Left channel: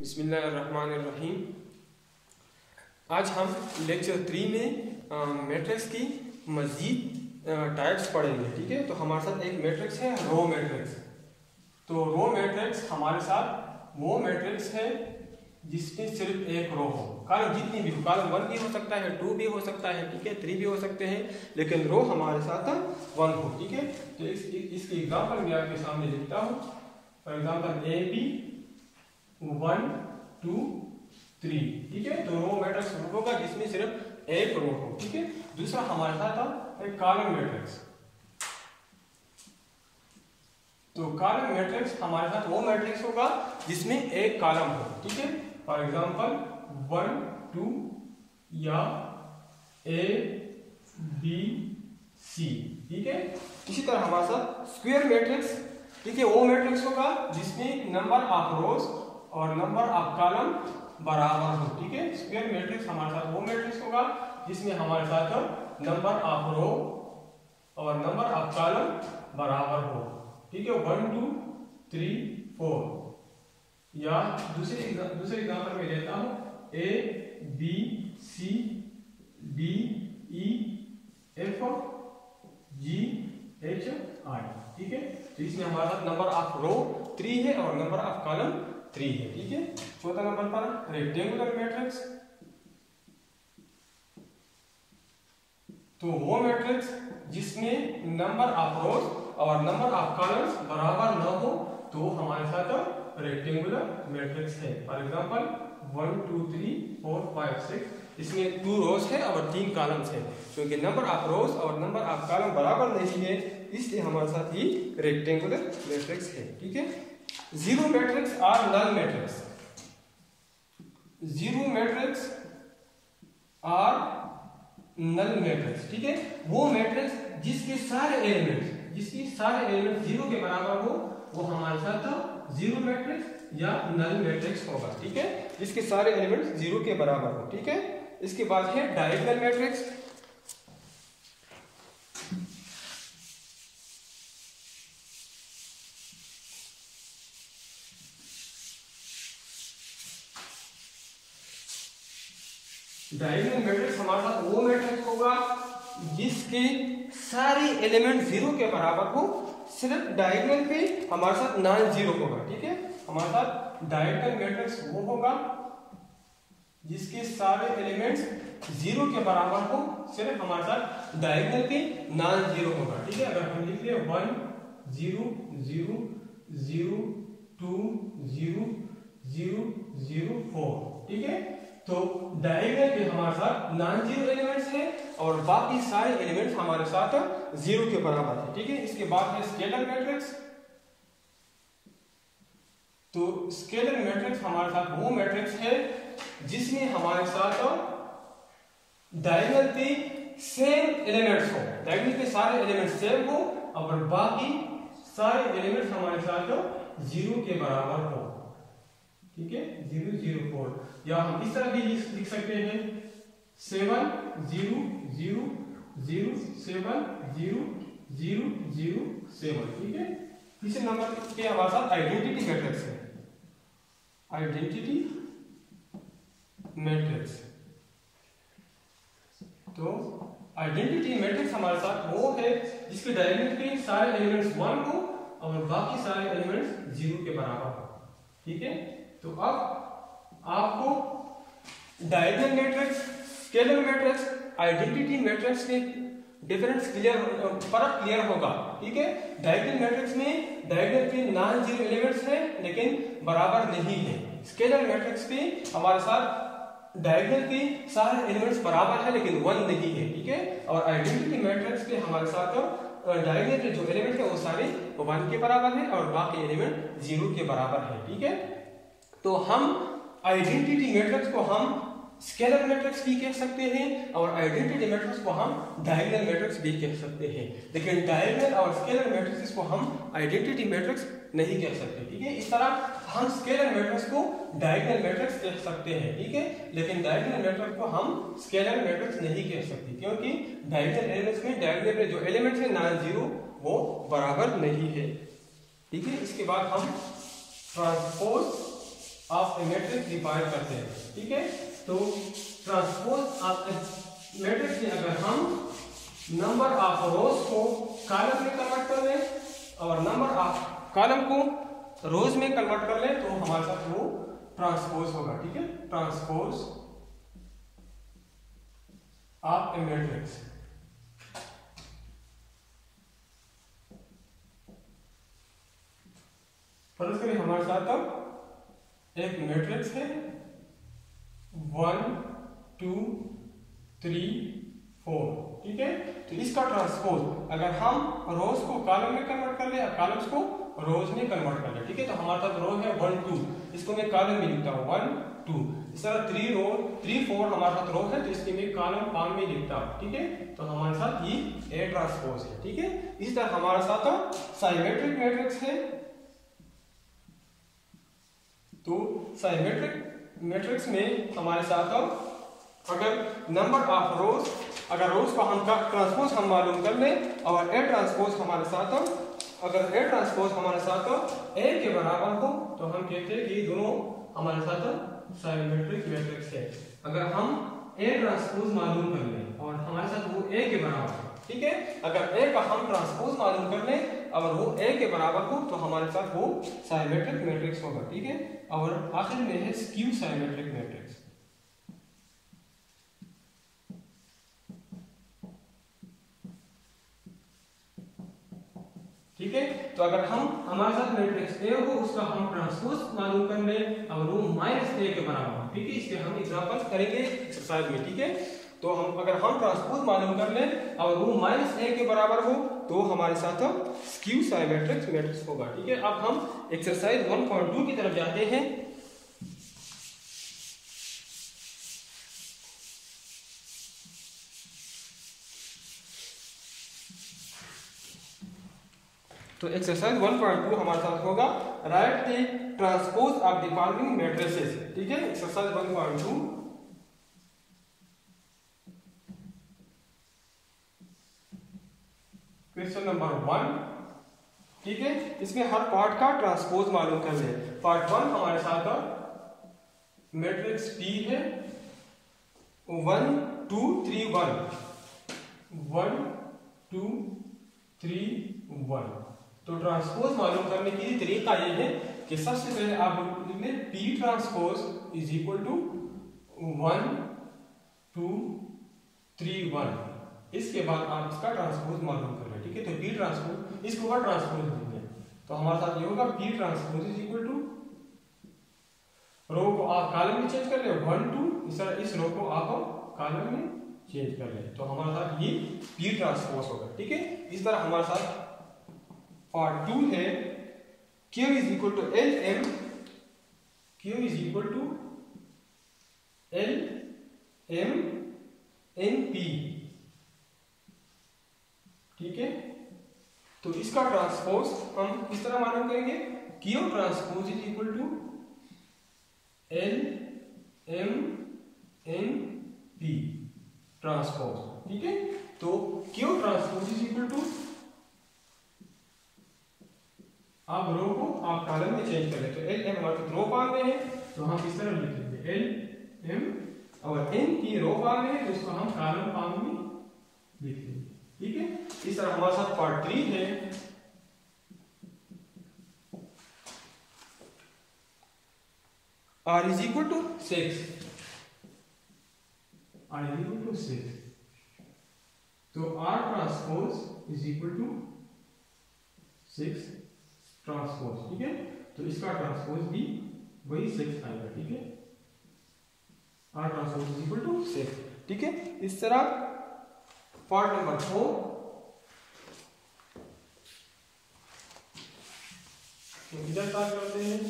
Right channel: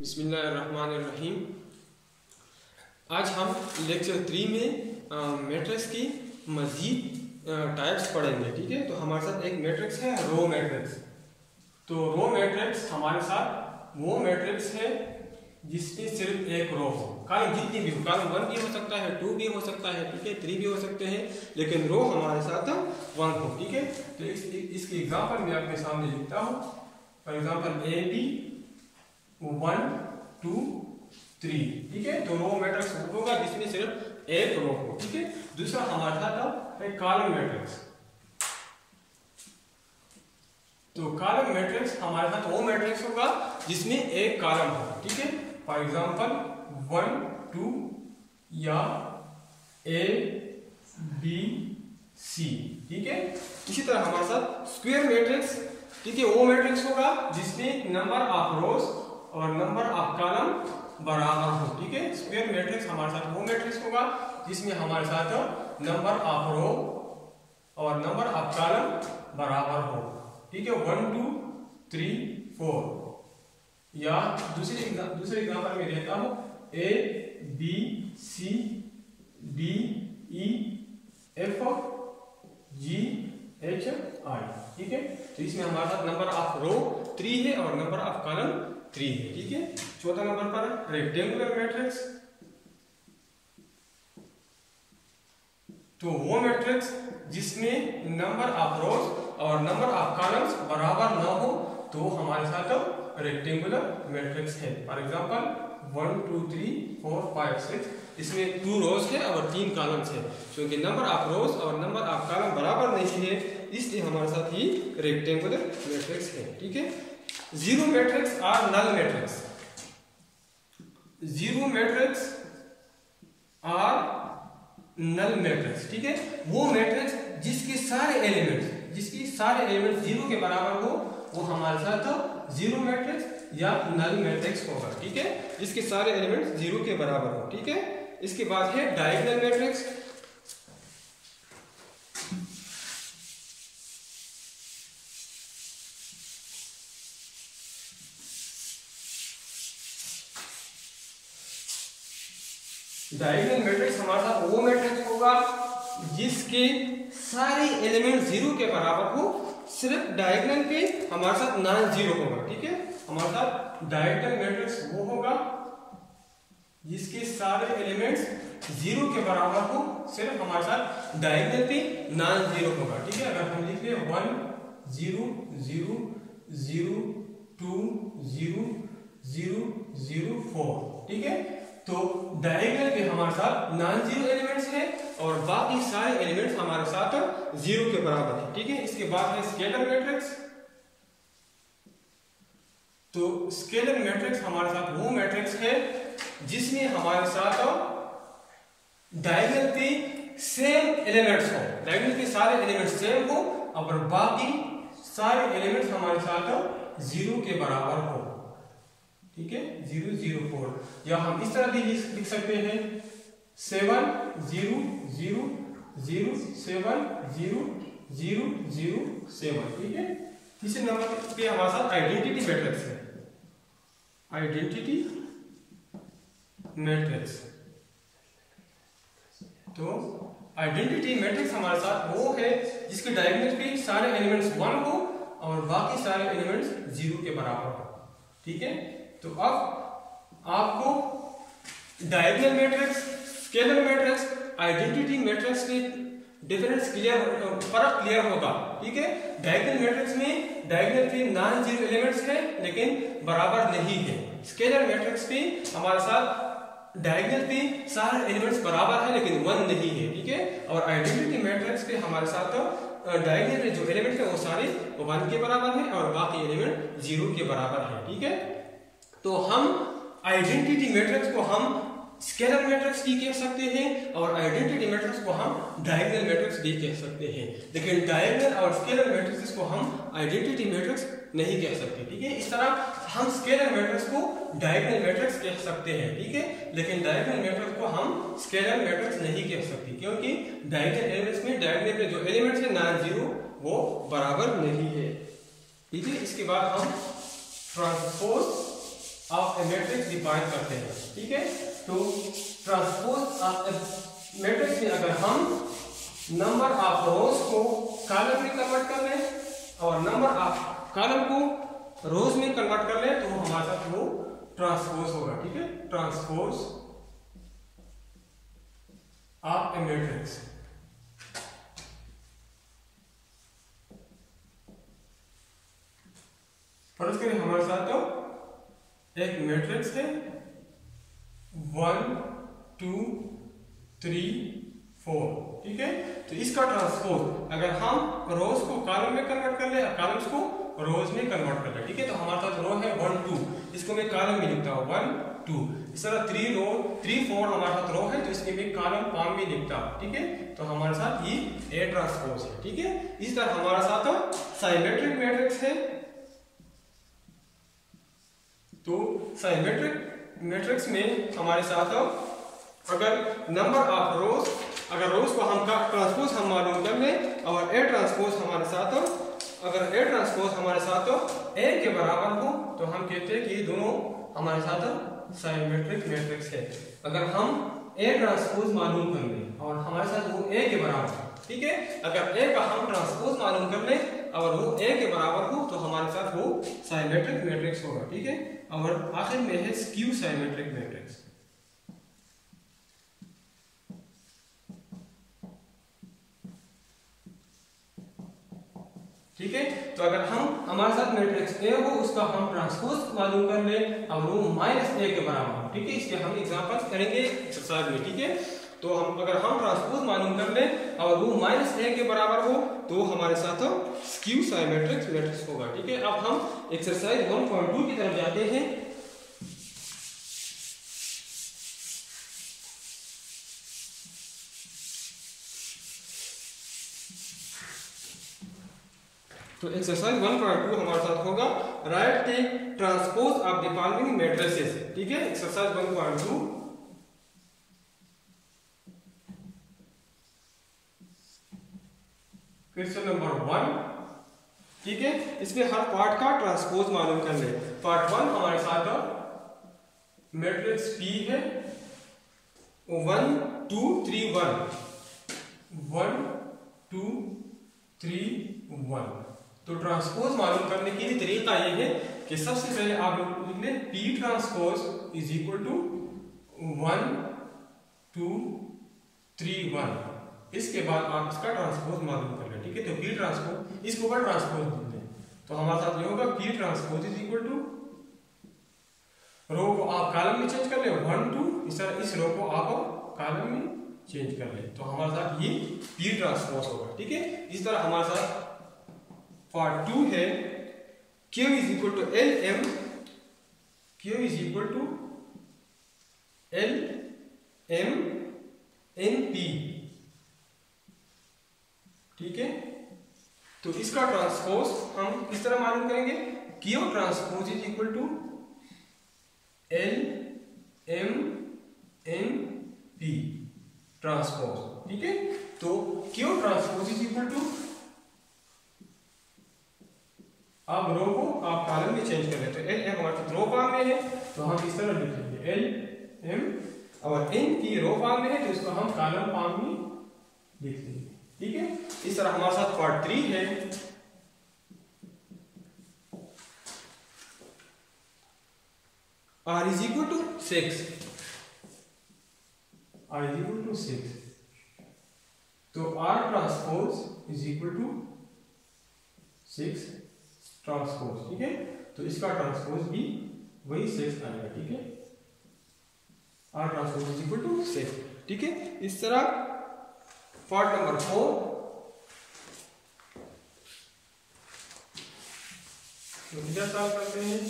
बिस्मिल्लाहिर्रहमानिर्रहीम। आज हम लेक्चर 3 में मैट्रिक्स की मज़ीद टाइप्स पढ़ेंगे। ठीक है, तो हमारे साथ एक मैट्रिक्स है रो मैट्रिक्स। तो रो मैट्रिक्स हमारे साथ वो मैट्रिक्स है जिसमें सिर्फ एक रो हो। कॉलम जितनी भी हो, कॉलम 1 भी हो सकता है, 2 भी हो सकता है, ठीक है, 3 भी हो सकते हैं, लेकिन रो हमारे साथ 1 हो। ठीक है, तो इसके एग्जाम्पल मैं आपके सामने लिखता हूँ। For example A B 1 2 3। ठीक है, तो रो मैट्रिक्स होगा जिसमें सिर्फ एक रो हो। ठीक है, दूसरा हमारे साथ है कॉलम मैट्रिक्स। तो कॉलम मैट्रिक्स हमारे साथ वो मैट्रिक्स होगा जिसमें एक कॉलम हो। ठीक है, फॉर एग्जांपल 1 2 या ए बी सी। ठीक है, इसी तरह हमारे साथ स्क्वायर मैट्रिक्स, ठीक है, वो मैट्रिक्स होगा जिसमें नंबर ऑफ रोज और नंबर ऑफ कॉलम बराबर हो। ठीक है, स्क्वायर मैट्रिक्स हमारे साथ वो मैट्रिक्स होगा जिसमें हमारे साथ नंबर ऑफ रो और नंबर ऑफ कॉलम बराबर हो। ठीक है, 1 2 3 4। या दूसरे एग्जांपल में देता हूं A B C D E F G H I. ठीक है, तो इसमें हमारे साथ नंबर ऑफ रो 3 है और नंबर ऑफ कॉलम 3 है। ठीक है, चौथा नंबर पर रेक्टेंगुलर मैट्रिक्स। तो वो मैट्रिक्स जिसमें नंबर ऑफ रोज और नंबर ऑफ कॉलम्स बराबर न हो तो हमारे साथ रेक्टेंगुलर मैट्रिक्स है। फॉर एग्जांपल 1 2 3 4 5 6, इसमें 2 रोज है और 3 कॉलम्स है। क्योंकि नंबर ऑफ रोज और नंबर ऑफ कॉलम बराबर नहीं है, इसलिए हमारे साथ ही रेक्टेंगुलर मैट्रिक्स है। ठीक है, जीरो मैट्रिक्स और नल मैट्रिक्स। जीरो मैट्रिक्स और नल मैट्रिक्स, ठीक है, वो मैट्रिक्स जिसके सारे एलिमेंट्स जीरो के बराबर हो वो हमारे साथ जीरो मैट्रिक्स या नल मैट्रिक्स होगा। ठीक है, जिसके सारे एलिमेंट्स जीरो के बराबर हो। ठीक है, इसके बाद है डायगोनल मैट्रिक्स। डायगोनल मैट्रिक्स हमारे साथ वो मैट्रिक्स होगा जिसके सारे एलिमेंट जीरो के बराबर हो, सिर्फ डायगोनल पे हमारे साथ नॉन जीरो होगा। ठीक है, हमारे साथ डायगोनल मैट्रिक्स वो होगा जिसके सारे एलिमेंट्स जीरो के बराबर हो, सिर्फ हमारे साथ डायगोनल पे नॉन जीरो होगा। ठीक है, अगर हम लिख ले 1 0 0 0 2 0 0 0 4। ठीक है, तो डायगोनल पे हमारे साथ नॉन जीरो एलिमेंट्स हैं और बाकी सारे एलिमेंट्स हमारे साथ जीरो के बराबर है। ठीक है, इसके बाद है स्केलर मैट्रिक्स। तो स्केलर मैट्रिक्स हमारे साथ वो मैट्रिक्स है जिसमें हमारे साथ डायगोनल पे सेम एलिमेंट्स हो, डायगोनल पे सारे एलिमेंट्स सेम हो और बाकी सारे एलिमेंट्स हमारे साथ जीरो के बराबर हो। ठीक है, 0 0 4। या हम इस तरह भी लिख सकते हैं 7 0 0 0 7 0 0 0 7। ठीक है, तीसरे नंबर पे हमारे साथ आइडेंटिटी मैट्रिक्स है। आइडेंटिटी मैट्रिक्स, तो आइडेंटिटी मैट्रिक्स हमारे साथ वो है जिसके डायगोनल पे सारे एलिमेंट्स 1 हो और बाकी सारे एलिमेंट्स 0 के बराबर हो। ठीक है, तो अब आपको diagonal matrix, scalar matrix, identity matrix के डिफरेंस फर्क क्लियर होगा। ठीक है, डायगोनल मैट्रिक्स में डायगोनल पे नॉन जीरो एलिमेंट्स है लेकिन बराबर नहीं है। स्केलर मैट्रिक्स पे हमारे साथ डायगोनल पे सारे एलिमेंट्स बराबर है लेकिन 1 नहीं है। ठीक है, और आइडेंटिटी मैट्रिक्स पे हमारे साथ डायगोनल पे जो एलिमेंट है वो सारे 1 के बराबर है और बाकी एलिमेंट 0 के बराबर है। ठीक है, तो हम आइडेंटिटी मैट्रिक्स को हम स्केलर मैट्रिक्स भी कह सकते हैं और आइडेंटिटी मैट्रिक्स को हम डायगोनल मैट्रिक्स भी कह सकते हैं, लेकिन डायगोनल और स्केलर मैट्रिक्स को हम आइडेंटिटी मैट्रिक्स नहीं कह सकते। ठीक है, इस तरह हम स्केलर मैट्रिक्स को डायगोनल मैट्रिक्स कह सकते हैं। ठीक है, लेकिन डायगोनल मैट्रिक्स को हम स्केलर मैट्रिक्स नहीं कह सकते क्योंकि डायगोनल एलिमेंट्स में डायगोनल पे जो एलिमेंट्स है नॉन जीरो वो बराबर नहीं है। ठीक है, इसके बाद हम transpose of A matrix define करते हैं, ठीक है। तो ट्रांसपोज ऑफ ए मैट्रिक्स में अगर हम नंबर ऑफ रोज को कॉलम में कन्वर्ट कर लें और नंबर ऑफ कॉलम को रोज में कन्वर्ट कर लें तो हमारे साथ वो ट्रांसपोज होगा, ठीक है। ट्रांसपोज ऑफ ए मैट्रिक्स, फर्ज करें हमारे साथ तो एक मैट्रिक्स है 1 2 3 4, ठीक है। तो इसका ट्रांसपोज अगर हम रोज को कॉलम में कन्वर्ट कर ले, कॉलम्स को रोज में कन्वर्ट कर ले, ठीक है। तो हमारे पास रो है 1 2, इसको मैं कॉलम में लिखता हूँ 1 2। इस तरह 3 4 हमारे साथ रो है तो इसके मैं कॉलम पाम में लिखता हूँ, ठीक है। तो हमारे साथ ये ए ट्रांसपोज है, ठीक है। इस तरह हमारे साथ साइमेट्रिक मैट्रिक्स है। तो साइमेट्रिक मैट्रिक्स में हमारे साथ अगर नंबर ऑफ रोज, अगर रोज को हम ट्रांसपोज हम मालूम कर लें और ए ट्रांसपोज हमारे साथ, अगर ए ट्रांसपोज हमारे साथ ए के बराबर हो तो हम कहते हैं कि ये दोनों हमारे साथ साइमेट्रिक मैट्रिक्स है। अगर हम ए ट्रांसपोज मालूम कर लें और हमारे साथ वो ए के बराबर है, ठीक है। अगर ए का हम ट्रांसपोज मालूम कर लें और वो ए के बराबर हो तो हमारे साथ वो साइमेट्रिक मैट्रिक्स होगा, ठीक है। और आखिर में है स्क्यू साइमेट्रिक मैट्रिक्स, ठीक है। तो अगर हम हमारे साथ मैट्रिक्स ए हो उसका हम ट्रांसपोज मालूम कर लें और वो -a के बराबर हो, ठीक है। इसके हम एग्जांपल करेंगे एक्सरसाइज में, ठीक है। तो हम अगर हम ट्रांसपोज मालूम कर लें और वो -a के बराबर हो तो हमारे साथ स्क्यू साइमेट्रिक मैट्रिक्स होगा, ठीक है। अब हम एक्सरसाइज 1.2 की तरफ जाते हैं। तो एक्सरसाइज 1.2 हमारे साथ होगा right the transpose of the following matrices, ठीक है। एक्सरसाइज 1.2 क्वेश्चन नंबर 1, ठीक है। इसमें हर पार्ट का ट्रांसपोज मालूम कर ले। पार्ट 1 हमारे साथ मैट्रिक्स P है 1 2 3 1 2 3 1। तो ट्रांसपोज मालूम करने के लिए तरीका ये है कि सबसे पहले आप लिख लें P transpose is equal to 1 2 3 1। इसके बाद आप इसका ट्रांसपोज मालूम कर लें, ठीक है। तो P ट्रांसपोज इसको का ट्रांसपोज लिख लें तो हमारे साथ ये होगा P transpose is equal to, row को आप कॉलम में चेंज कर ले 1 2, इस तरह इस रो को आप कॉलम में चेंज कर ले तो हमारे साथ ये P ट्रांसपोज होगा, ठीक है। इस तरह हमारे साथ पार्ट 2 है Q is equal to L M, Q is equal to L M N P, ठीक है। तो इसका ट्रांसपोज हम इस तरह मालूम करेंगे Q transpose is equal to L M N P transpose, ठीक है। तो Q transpose is equal to, आप रो को आप कॉलम में चेंज कर लें तो L M हमारे पास रो फॉर्म में है तो हम इस तरह लिख लेंगे L M, और N की रो फॉर्म में है तो इसको हम कॉलम फॉर्म में लिख लेंगे, ठीक है। इस तरह हमारे साथ पार्ट 3 है R is equal to 6, R is equal to 6। तो R transpose is equal to 6 transpose, ठीक है। तो इसका ट्रांसपोज भी वही 6 आएगा, ठीक है। R transpose is equal to 6, ठीक है। इस तरह पार्ट नंबर 4 तो किधर स्टार्ट करते हैं।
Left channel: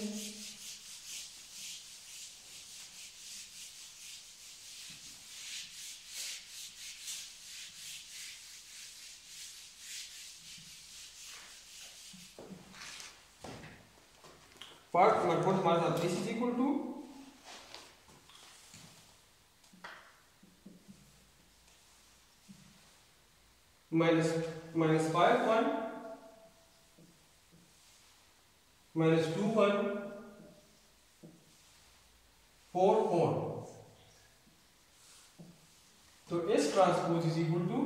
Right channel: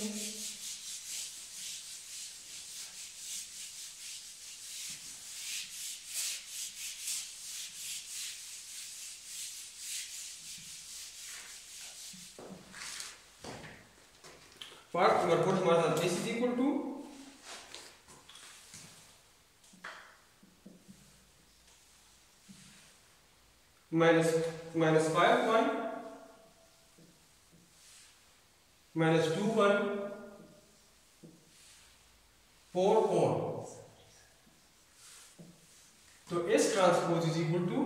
पार्ट नंबर 4 हमारे साथ इज इक्वल टू -5 1 -2 1 4 4, तो S transpose is equal to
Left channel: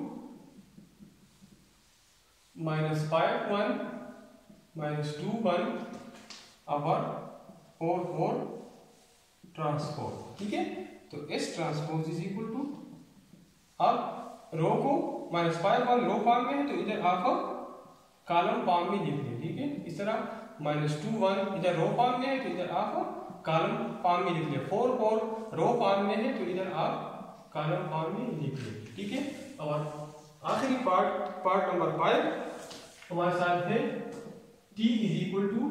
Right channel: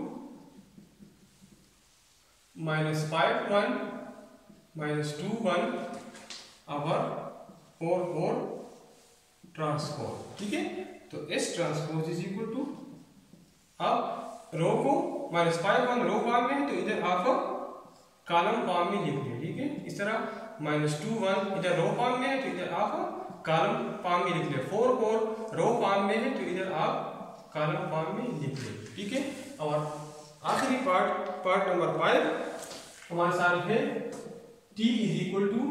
-5 1 -2 1 our 4 4 transpose. ठीक है, तो S transpose is equal to, अब रो को -5 1 रो फॉर्म में है तो इधर आप कॉलम फॉर्म में लिख लें। ठीक है, इस तरह -2 1 इधर रो फॉर्म में है तो इधर आप कॉलम फॉर्म में लिख ले। 4 4 रो फॉर्म में है तो इधर आप कॉलम फॉर्म में लिख ले। ठीक है, और आखिरी पार्ट नंबर 5 हमारे साथ है t इज इक्वल टू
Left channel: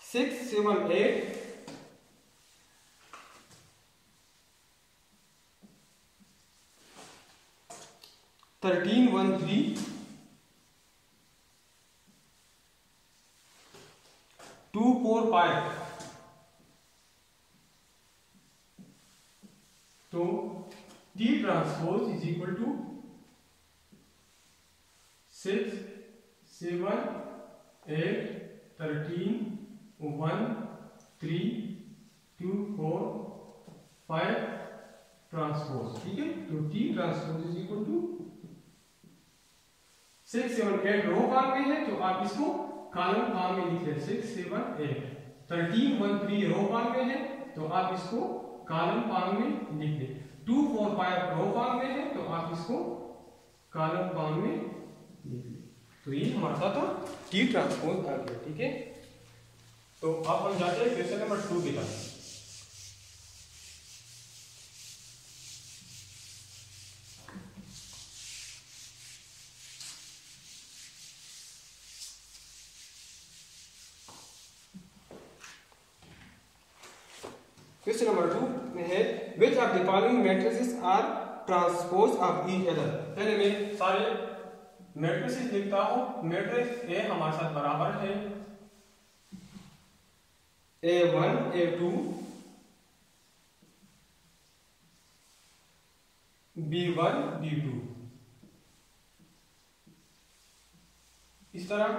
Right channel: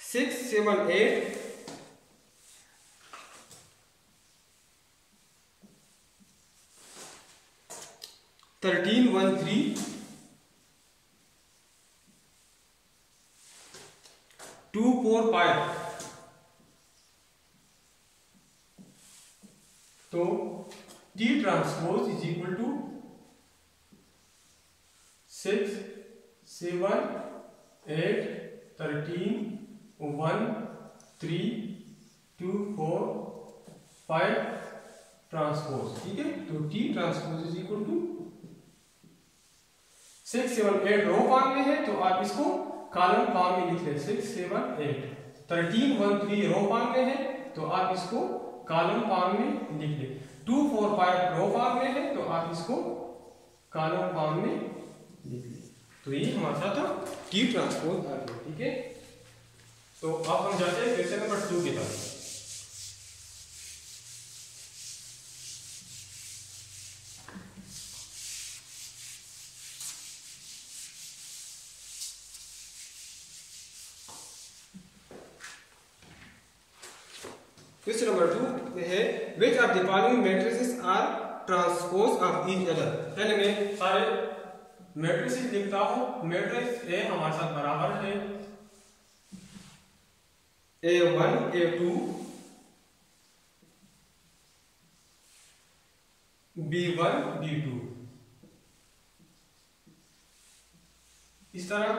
6 7 8 13 1 3 2 4 5, तो T transpose is equal to 6 7 8 13 1 3 2 4 5 transpose. ठीक है, तो T transpose is equal to 6 7 8 row form में है तो आप इसको कॉलम फॉर्म में लिख ले। 6 7 8 13 1 3 रो फॉर्म में है तो आप इसको कॉलम फॉर्म में लिख ले। 2 4 5 रो फॉर्म में है तो आप इसको कॉलम फॉर्म में लिख ले। तो ये हमारा साथ T ट्रांसपोज आ गया। ठीक है, तो अब हम जाते हैं क्वेश्चन नंबर 2 की तरफ। क्वेश्चन नंबर 2 में है which of the following matrices are transpose of each other। पहले मैं सारे मैट्रिसेस लिखता हूं। मैट्रिक्स ए हमारे साथ बराबर है A1 A2 B1 B2। इस तरह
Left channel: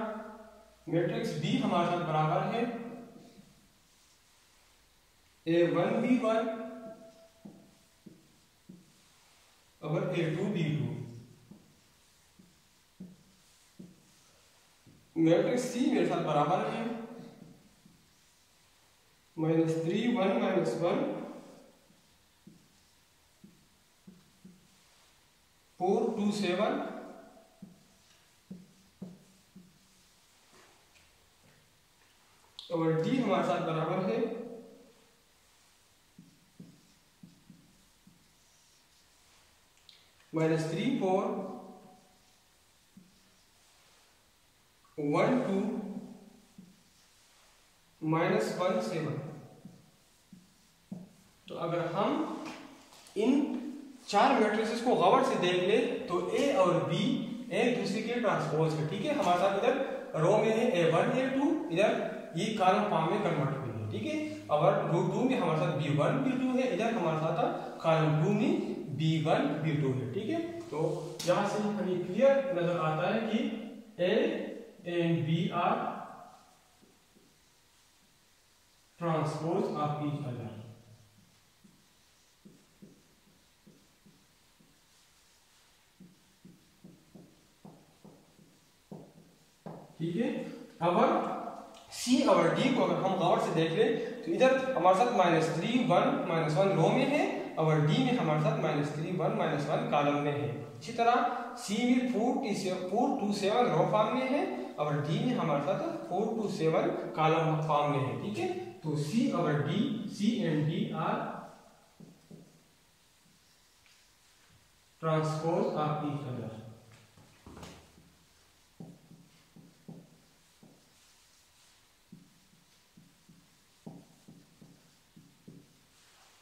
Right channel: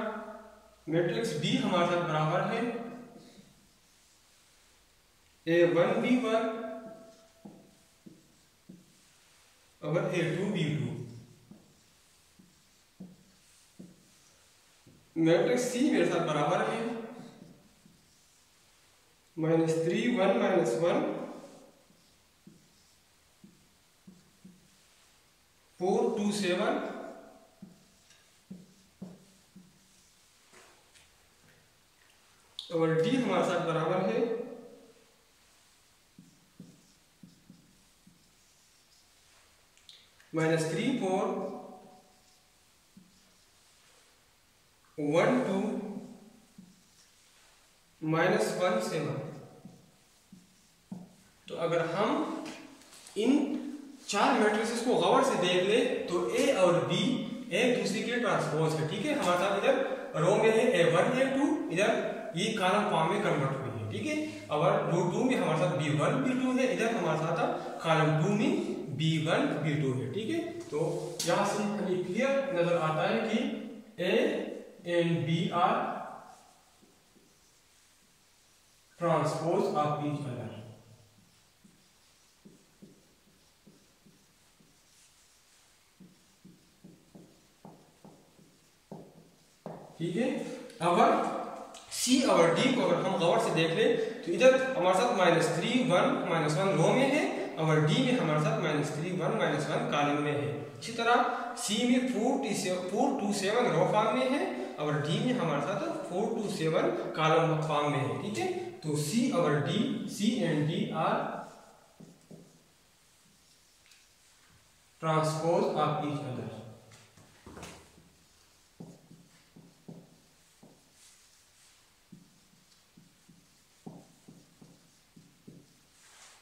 मैट्रिक्स बी हमारे साथ बराबर है A1 B1 और A2 B2। मैट्रिक्स सी मेरे साथ बराबर है -3 1 -1 4 2 7 और डी हमारे साथ बराबर है -3 4 1 2 -1 7। तो अगर हम इन चार मैट्रिसेस को गौर से देख ले तो ए और बी एक दूसरे के ट्रांसपोज है। ठीक है, हमारे साथ इधर रो में है A1 A2, इधर ये कॉलम फॉर्म में कन्वर्ट हुई है। ठीक है, और रो 2 में हमारे साथ B1 B2 है, इधर हमारे साथ कॉलम 2 में B1 B2 है। ठीक है, तो यहां से हमें क्लियर नजर आता है कि A and B are transpose of each other। ठीक है, अब सी और डी को अगर हम गौर से देख ले तो इधर हमारे साथ -3 1 -1 रो में है और डी में हमारे साथ -3 1 -1 कॉलम में है। इसी तरह सी में 4 2 7 रो फॉर्म में है और डी में हमारे साथ 4 2 7 कॉलम फॉर्म में है। ठीक है, तो सी और D, C and D are transpose of each other.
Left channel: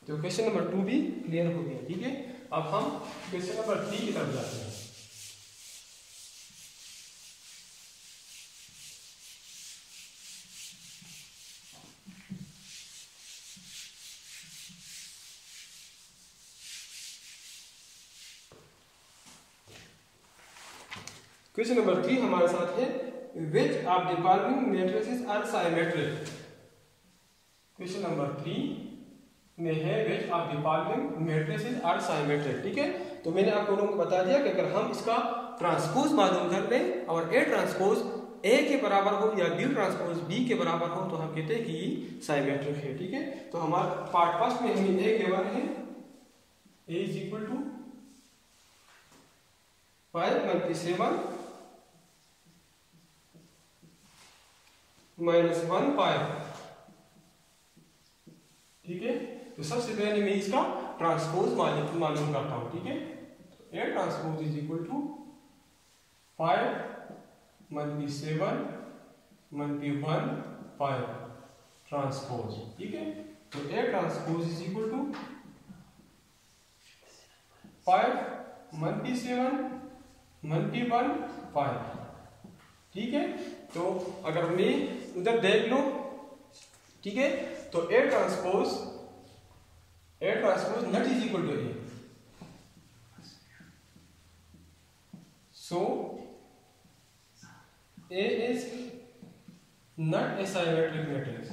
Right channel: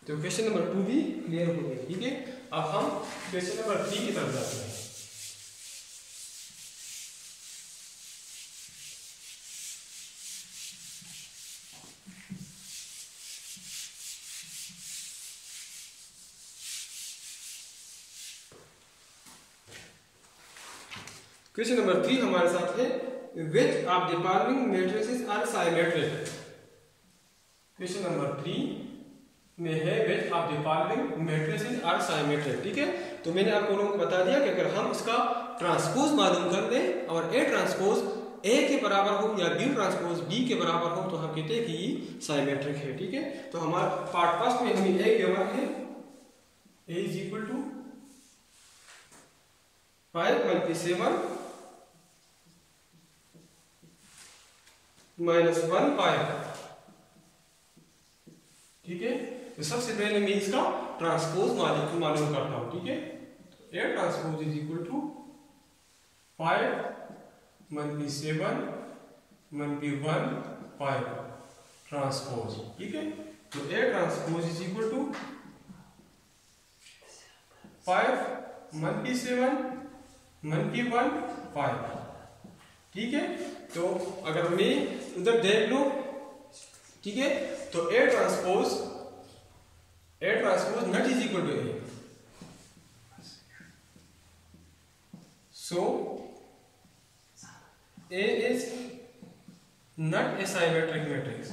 तो क्वेश्चन नंबर 2 भी क्लियर हो गया। ठीक है, अब हम क्वेश्चन नंबर 3 की तरफ जाते हैं। क्वेश्चन नंबर 3 हमारे साथ है which of the following matrices are symmetric। Question number 3 में है which of the following matrices are symmetric. ठीक है, तो मैंने आप लोगों को बता दिया कि अगर हम इसका ट्रांसपोज मालूम कर लें और ए ट्रांसपोज ए के बराबर हो या बी ट्रांसपोज बी के बराबर हो तो हम कहते हैं कि ये सिमेट्रिक है। ठीक है, तो हमारा पार्ट फर्स्ट में हमें ए गिवन है, ए इज इक्वल टू 5 × 7 - 1 5। ठीक है, तो सबसे पहले मैं इसका ट्रांसपोज मालूम करता हूं। ठीक है, तो A transpose is equal to 5 × 7 × 1 5 transpose. ठीक है, तो A transpose is equal to 5 × 7 × 1 5। ठीक है, तो अगर मैं उधर देख लो, ठीक है, तो A transpose not is equal to A, so A is not a symmetric matrix।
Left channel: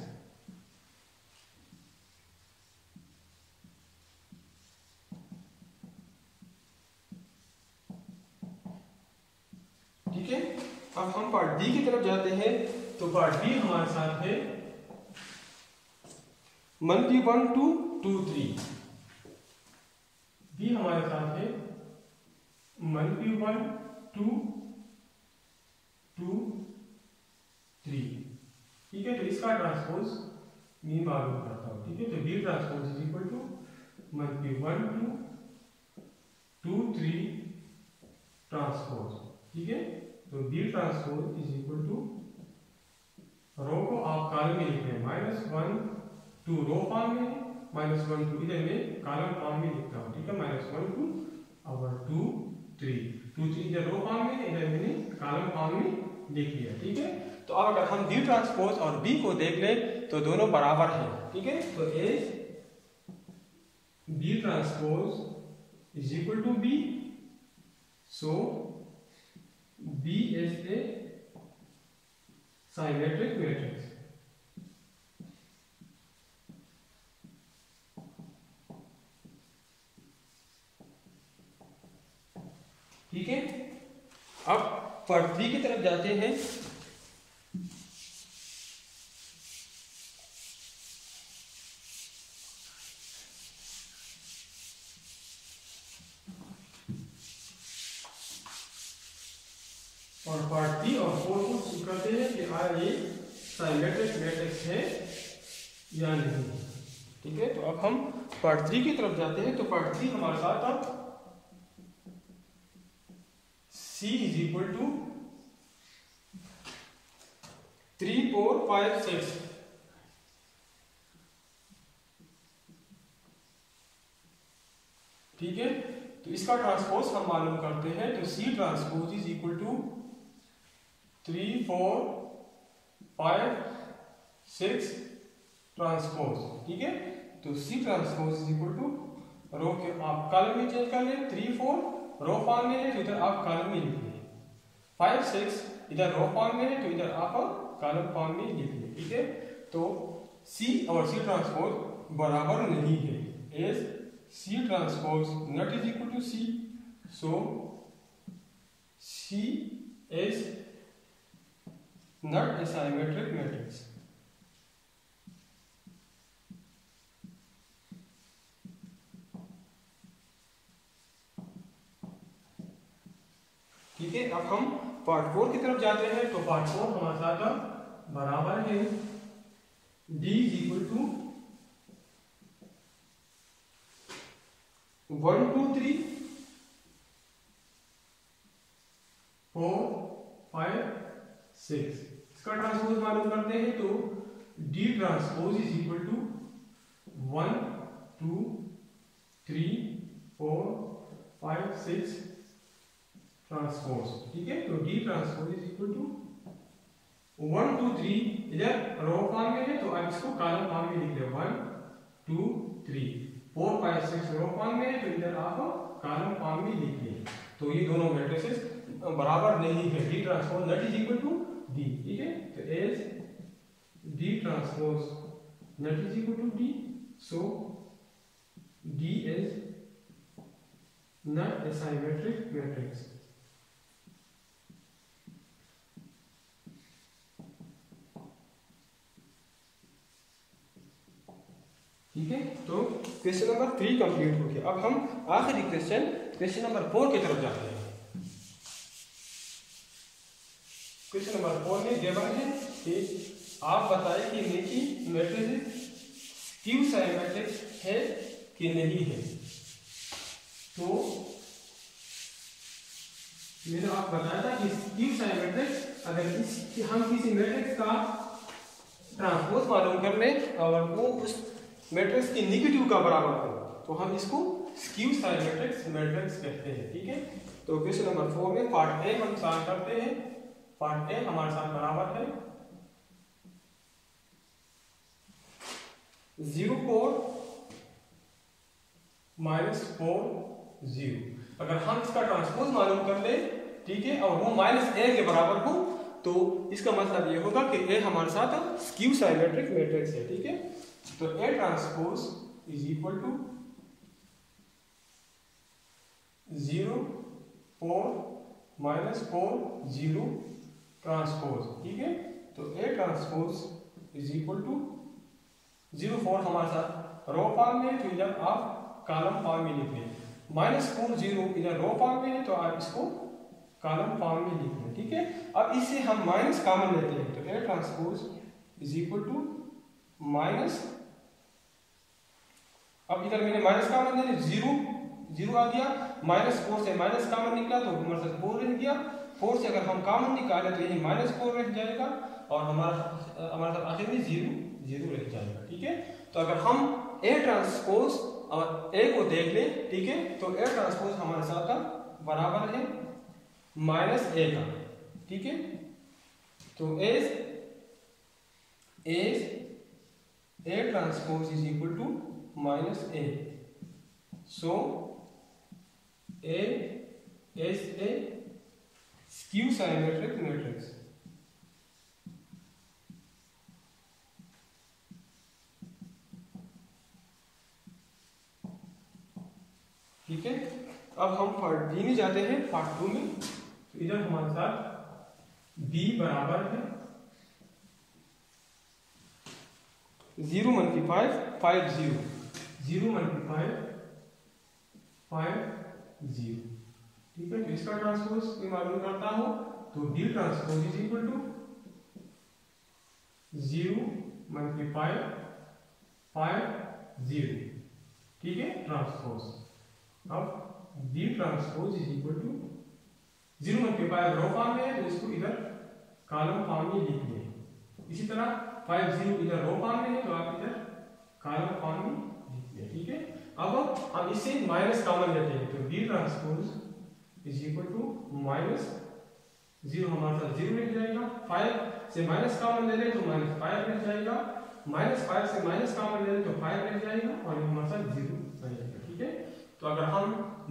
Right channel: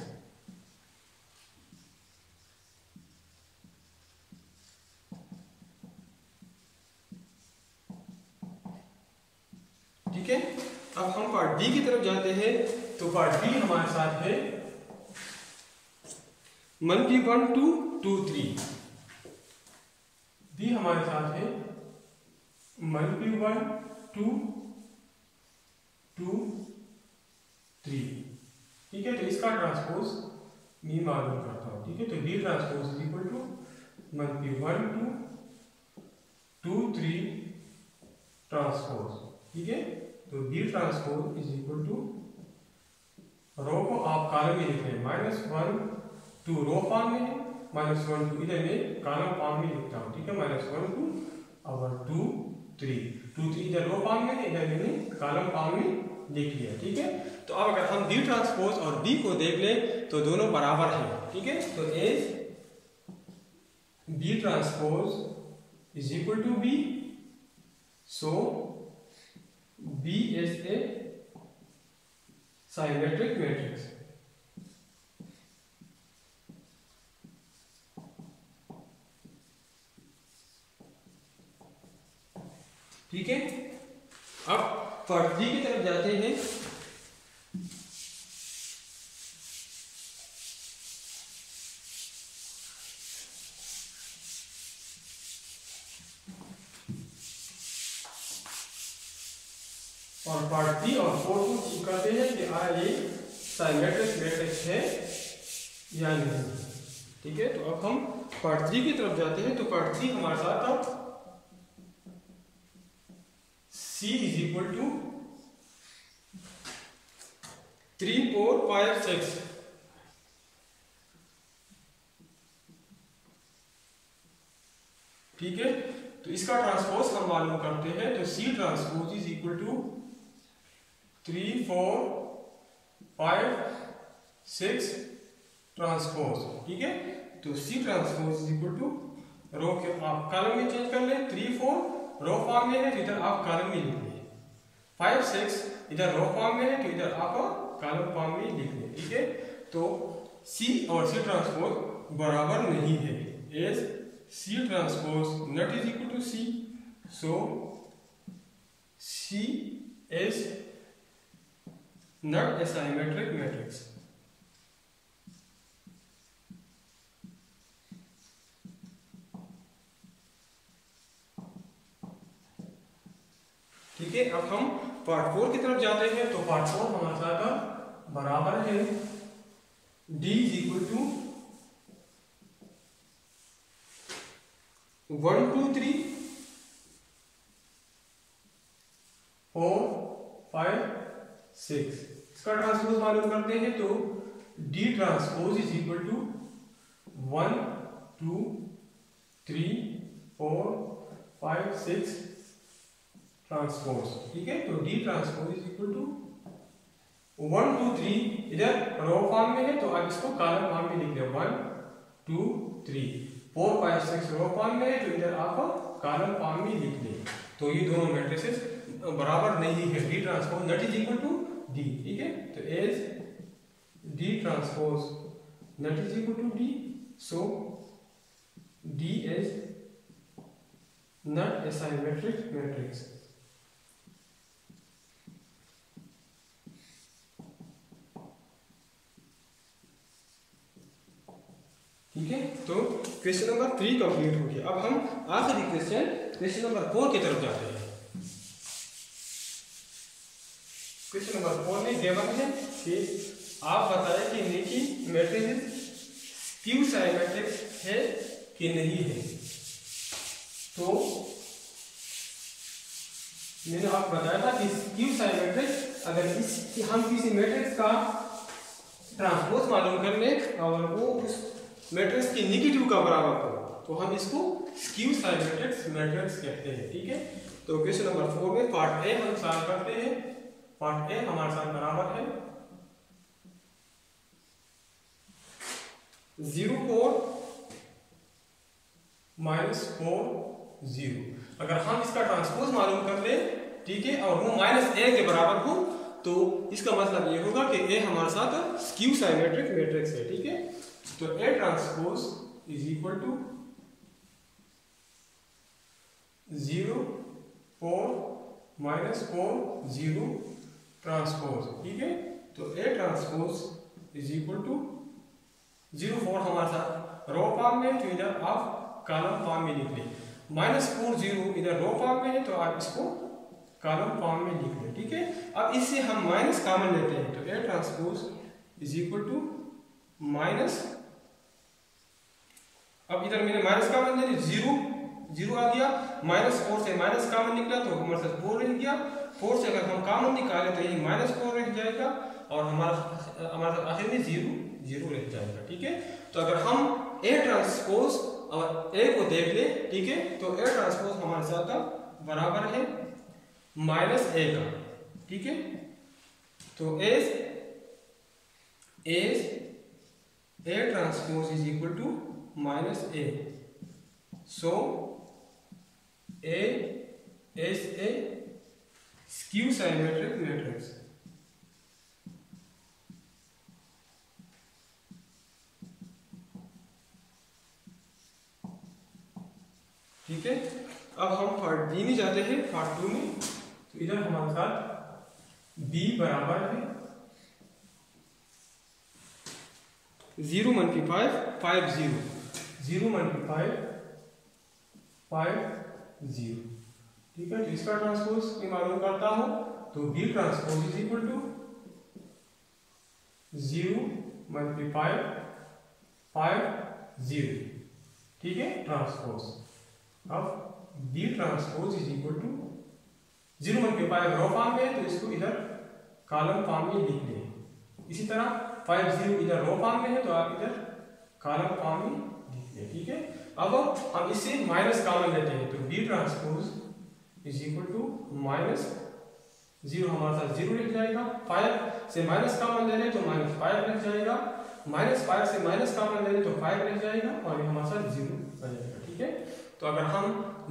ठीक है, अब हम पार्ट बी की तरफ जाते हैं। तो पार्ट बी हमारे साथ है 1 2 2 3। बी हमारे साथ है 1 2 2 3। ठीक है, तो इसका ट्रांसपोज मैं मालूम करता हूं। ठीक है, तो B transpose is equal to 1 2 2 3 transpose. ठीक है, तो B transpose is equal to, row को आप कॉलम में लिख लें, -1 2 रो फॉर्म में, -1 2 इधर मैं कॉलम फॉर्म में लिखता हूं। ठीक है, -1 2 और 2 3 2 3 इधर रो फॉर्म में, इधर मैंने कॉलम फॉर्म में लिख लिया। ठीक है, तो अब अगर हम बी ट्रांसपोज और बी को देख लें तो दोनों बराबर हैं। ठीक है, तो A B transpose is equal to B, so B is a symmetric matrix. ठीक है, अब पार्ट 3 की तरफ जाते हैं। और पार्ट 3 और 4 को चेक करते हैं कि ये सिमेट्रिक मैट्रिक्स है या नहीं। ठीक है, तो अब हम पार्ट 3 की तरफ जाते हैं। तो पार्ट 3 हमारे साथ अब C is equal to 3 4 5 6। ठीक है, तो इसका ट्रांसपोज हम मालूम करते हैं। तो C transpose is equal to 3 4 5 6 transpose. ठीक है, तो C transpose is equal to, row के आप कॉलम में चेंज कर लें, 3 4 रो फॉर्म में है तो इधर आप कॉलम में लिख लें, 5 6 इधर रो फॉर्म में है तो इधर आप कॉलम फॉर्म में लिख लें। ठीक है, तो C और C ट्रांसपोज बराबर नहीं है, as C transpose not is equal to C, so C is not a symmetric matrix. ठीक है, अब हम पार्ट 4 की तरफ जाते हैं। तो पार्ट 4 हमारे साथ बराबर है D इज इक्वल टू 1 2 3 4 5 6। इसका ट्रांसपोज मालूम करते हैं। तो D transpose is equal to 1 2 3 4 5 6 transpose. ठीक है, तो D transpose is equal to 1 2 3 इधर रो फॉर्म में है तो आप इसको कॉलम फॉर्म में लिख लें, 1 2 3 4 5 6 रो फॉर्म में है तो इधर आप कॉलम फॉर्म में लिख लें। तो ये दोनों मैट्रिसेस बराबर नहीं है, D transpose not is equal to D। ठीक है, तो as D transpose not is equal to D, so not asymmetric matrix. ठीक है, तो क्वेश्चन नंबर 3 कंप्लीट हो गया। अब हम आखिरी क्वेश्चन नंबर 4 की तरफ जाते हैं। क्वेश्चन नंबर 4 में गिवन है कि आप बताएं कि निकी मैट्रिक्स स्क्यू सिमेट्रिक है कि नहीं है। तो मैंने आपको बताया था कि स्क्यू सिमेट्रिक अगर हम किसी मैट्रिक्स का ट्रांसपोज मालूम कर लें और वो उस मैट्रिक्स की नेगेटिव का बराबर हो तो हम इसको स्क्यू सिमेट्रिक मैट्रिक्स कहते हैं। ठीक है, तो क्वेश्चन नंबर 4 में पार्ट ए हम सॉल्व करते हैं। पार्ट ए हमारे साथ बराबर है 0 4 -4 0। अगर हम इसका ट्रांसपोज मालूम कर ले, ठीक है, और वो -a के बराबर हो तो इसका मतलब ये होगा कि a हमारे साथ स्क्यू सिमेट्रिक मैट्रिक्स है। ठीक है, तो a transpose is equal to 0 4 -4 0 transpose. ठीक है, तो a transpose is equal to 0 4 हमारे साथ रो फॉर्म में, तो इधर आप कॉलम फॉर्म में लिख लें। -4 0 इधर रो फॉर्म में है तो आप इसको कॉलम फॉर्म में लिख लें। ठीक है, अब इससे हम माइनस कॉमन लेते हैं तो a transpose is equal to minus, अब इधर मैंने माइनस कॉमन ले 0 आ गया, -4 से माइनस कॉमन निकला तो हमारे साथ 4 रह गया। 4 से अगर हम कॉमन निकाले तो यही -4 रह जाएगा और हमारे साथ आखिर में 0 रह जाएगा। ठीक है, तो अगर हम a ट्रांसपोज और a को देख ले, ठीक है, तो a ट्रांसपोज हमारे साथ बराबर है -a का। ठीक है, तो as a transpose is equal to -a, so a is a skew symmetric matrix। ठीक है, अब हम पार्ट बी में जाते हैं। पार्ट 2 में तो इधर हमारे साथ b बराबर है 0 × 5 5 0 0 × 5 5 0। ठीक है, तो इसका ट्रांसपोज मैं मालूम करता हूं तो b transpose is equal to 0 × 5 5 0। ठीक है, ट्रांसपोज। अब b transpose is equal to 0 × 5 row form में तो इसको इधर कॉलम फॉर्म में लिख लें। इसी तरह 5 0 इधर रो फॉर्म में है तो आप इधर कॉलम फॉर्म में लिख लें। ठीक है, अब हम इसे माइनस कॉमन लेते हैं तो b transpose is equal to -0 हमारे साथ 0 रह जाएगा। 5 से माइनस कॉमन ले लें तो -5 रह जाएगा। -5 से माइनस कॉमन ले लें तो 5 रह जाएगा और ये हमारे साथ 0 आ जाएगा। ठीक है, तो अगर हम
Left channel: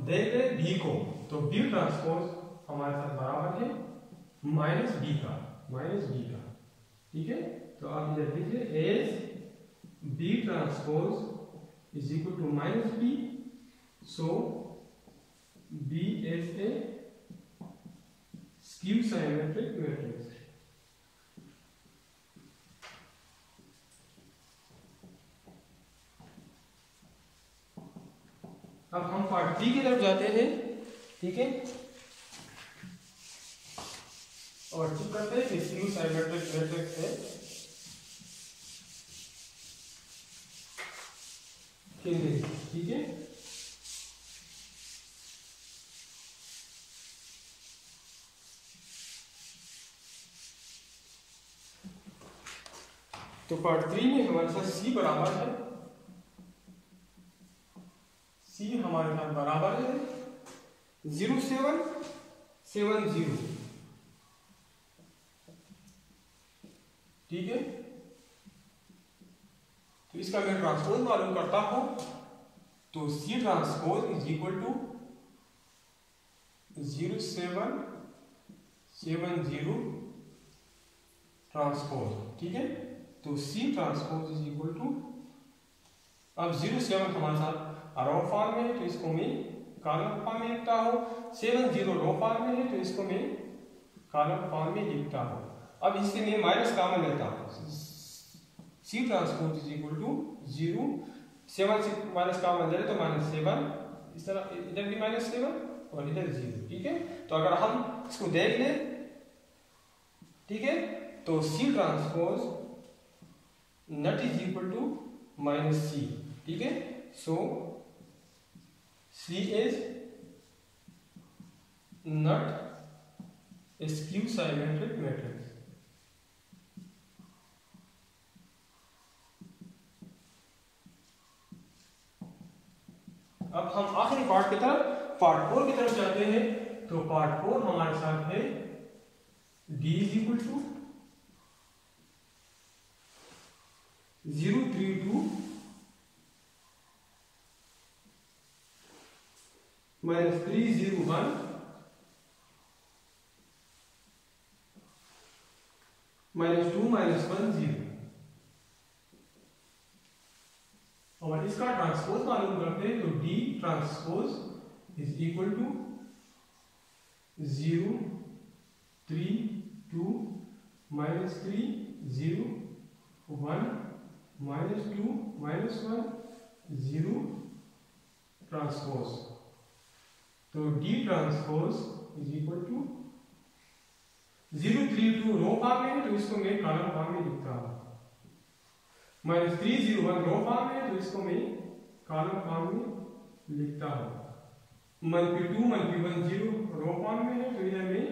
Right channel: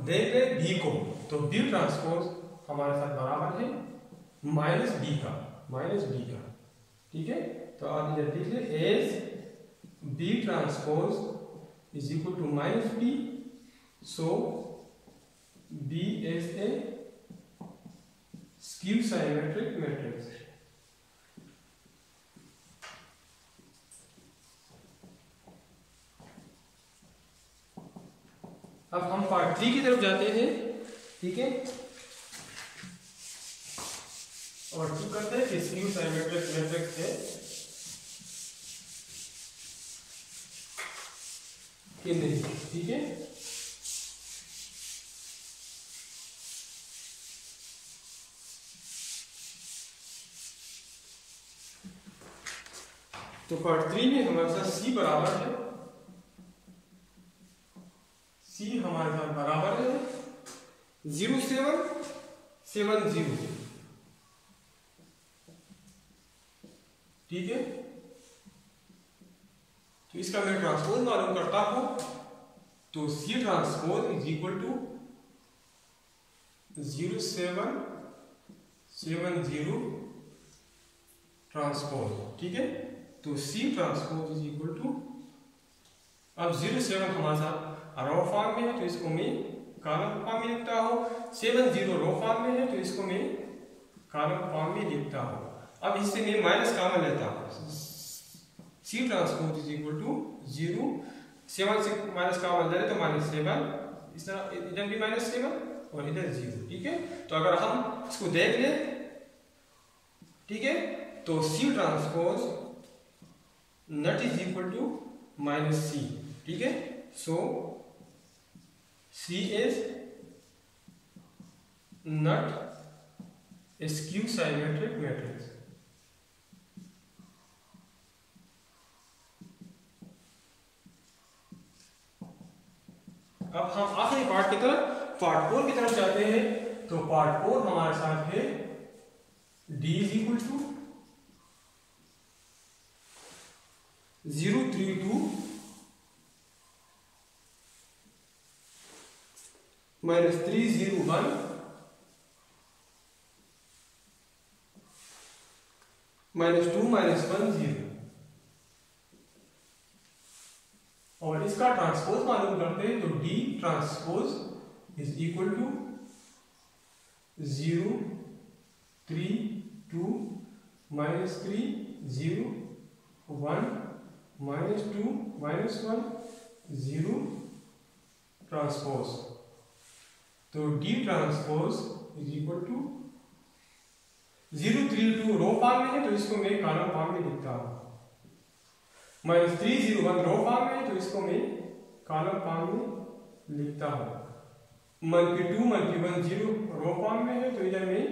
देख लें b को तो b ट्रांसपोज हमारे साथ बराबर है -b का। ठीक है, तो आप इधर लिख लें as b transpose is equal to -b, so b is a skew symmetric matrix। अब हम पार्ट 3 की तरफ जाते हैं। ठीक है, और चेक करते हैं कि स्क्यू सिमेट्रिक मैट्रिक्स है कि नहीं। ठीक है, तो पार्ट 3 में हमारे साथ c बराबर है, c हमारे साथ बराबर है 0 7 7 0। ठीक है, तो इसका मैं ट्रांसपोज मालूम करता हूं तो c transpose is equal to 0 7 7 0 transpose. ठीक है, तो c transpose is equal to, अब 0 7 हमारे साथ रो फॉर्म में है तो इसको मैं कॉलम फॉर्म में लिखता हूँ, 7 0 रो फॉर्म में है तो इसको मैं कॉलम फॉर्म में लिखता हूँ। अब इससे मैं माइनस कॉमन लेता हूँ, C transpose is equal to 0, 7 से माइनस कॉमन ले तो -7, इस तरह इधर भी -7 और इधर 0, ठीक है। तो अगर हम इसको देख लें, ठीक है, तो C transpose not is equal to -c, ठीक है। So C is not skew symmetric matrix. अब हम आखिरी पार्ट की तरफ, पार्ट 4 की तरफ जाते हैं। तो पार्ट 4 हमारे साथ है d इज इक्वल टू 032 -301 -2 -1 0, और इसका ट्रांसपोज मालूम करते हैं। तो d transpose is equal to 0 3 2 -3 0 1 -2 -1 0 transpose. तो d transpose is equal to 032 row form में है तो इसको मैं कॉलम फॉर्म में लिखता हूँ, -301 रो फॉर्म में है तो इसको मैं कॉलम फॉर्म में लिखता हूँ, -2 -1 0 रो फॉर्म में है तो इधर मैं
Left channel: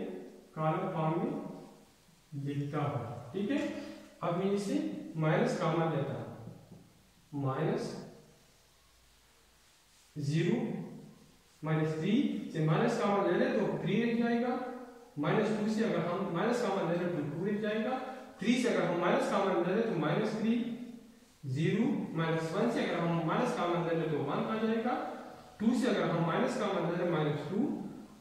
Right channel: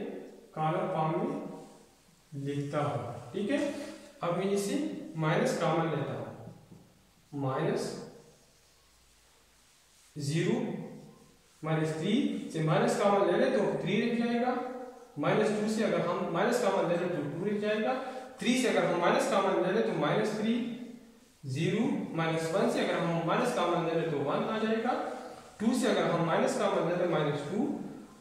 कॉलम फॉर्म में लिखता हूँ, ठीक है। अब मैं इसे माइनस कॉमन लेता हूँ, -0 -3 से माइनस कॉमन ले लें तो 3 रह जाएगा, -2 से अगर हम माइनस कॉमन ले लें तो 2 रह जाएगा, 3 से अगर हम माइनस कॉमन ले लें तो -3, 0 -1 से अगर हम माइनस कॉमन ले लें तो 1 आ जाएगा, 2 से अगर हम माइनस कॉमन ले लें -2,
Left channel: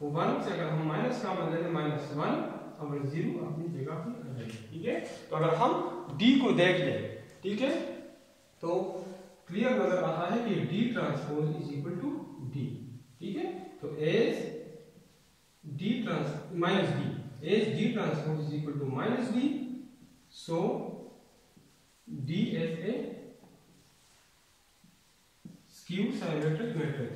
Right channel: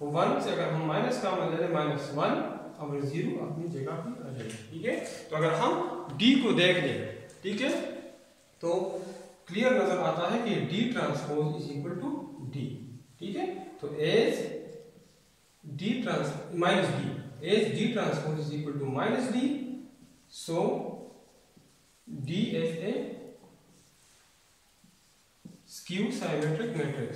1 से अगर हम माइनस कॉमन ले लें -1 और 0 अपनी जगह पे आ जाएगा, ठीक है। तो अगर हम d को देख लें, ठीक है, तो क्लियर नजर आता है कि d transpose is equal to d, ठीक है। तो as d transpose is equal to -d, so d is a skew symmetric matrix।